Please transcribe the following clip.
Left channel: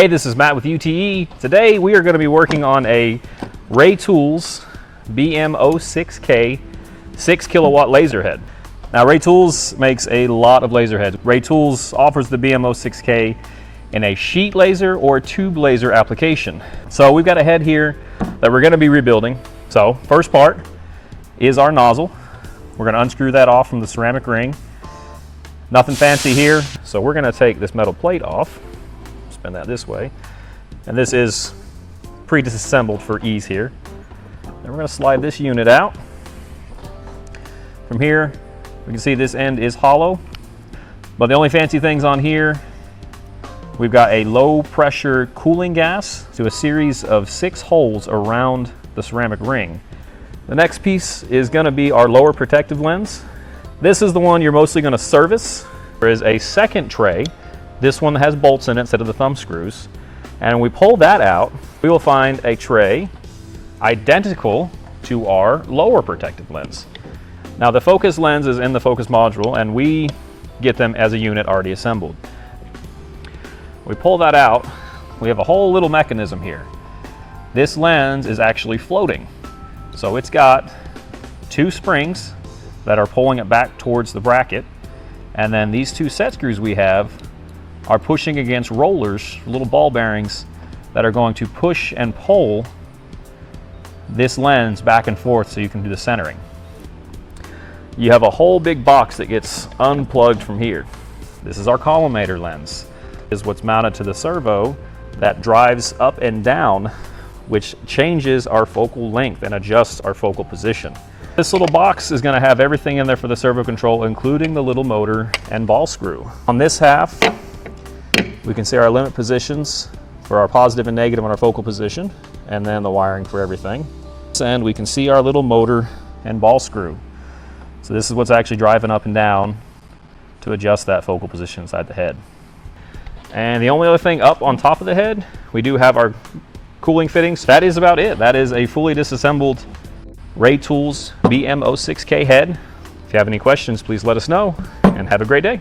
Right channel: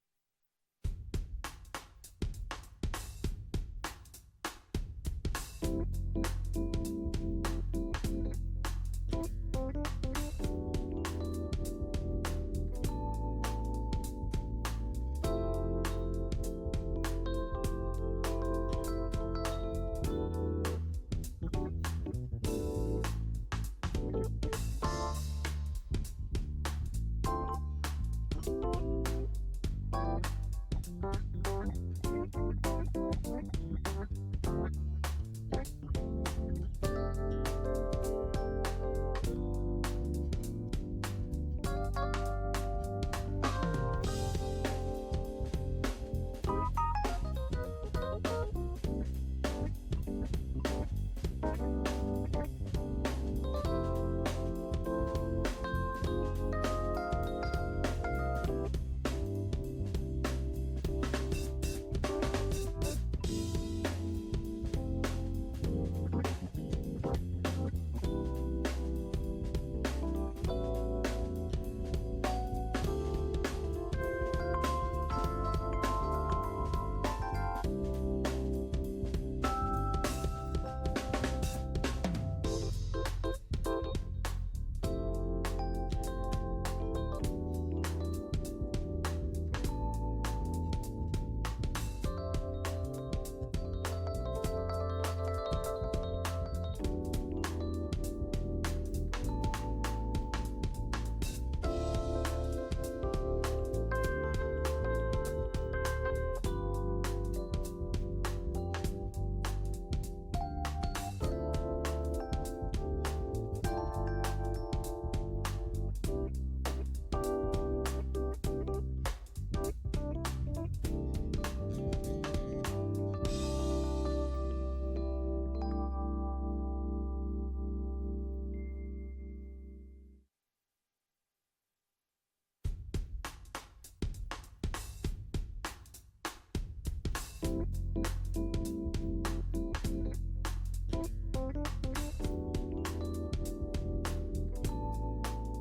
Hey, this is Matt with UTE. Today we are going to be working on a Ray Tools BM06K 6 kilowatt laser head. Now Ray Tools makes a lot of laser heads. Ray Tools offers the BM06K in a sheet laser or tube laser application. So we've got a head here that we're going to be rebuilding. So first part is our nozzle. We're going to unscrew that off from the ceramic ring. Nothing fancy here. So we're going to take this metal plate off, spin that this way, and this is pre-disassembled for ease here. And we're going to slide this unit out. From here, we can see this end is hollow, but the only fancy things on here, we've got a low pressure cooling gas to a series of 6 holes around the ceramic ring. The next piece is going to be our lower protective lens. This is the one you're mostly going to service. There is a second tray. This one has bolts in it instead of the thumb screws. And when we pull that out, we will find a tray identical to our lower protective lens. Now the focus lens is in the focus module and we get them as a unit already assembled. We pull that out, we have a whole little mechanism here. This lens is actually floating. So it's got 2 springs that are pulling it back towards the bracket, and then these 2 set screws we have are pushing against rollers, little ball bearings that are going to push and pull this lens back and forth so you can do the centering. You have a whole big box that gets unplugged from here. This is our collimator lens. This is what's mounted to the servo that drives up and down, which changes our focal length and adjusts our focal position. This little box is going to have everything in there for the servo control, including the little motor and ball screw. On this half, we can see our limit positions for our positive and negative on our focal position, and then the wiring for everything. And we can see our little motor and ball screw. So this is what's actually driving up and down to adjust that focal position inside the head. And the only other thing up on top of the head, we do have our cooling fittings. That is about it. That is a fully disassembled Ray Tools BM06K head. If you have any questions, please let us know, and have a great day.